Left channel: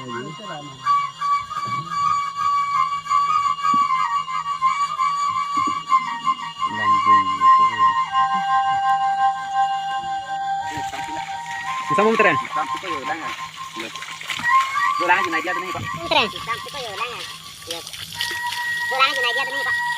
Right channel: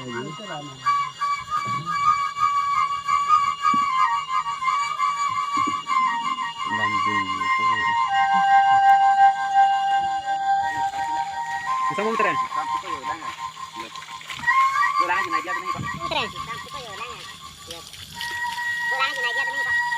Bisa mau muter ya? Dolangan naik dia tuh nih, Pak. Muter ya? Sampai ke dolangan. Dolangan naik dia tuh nih, Pak.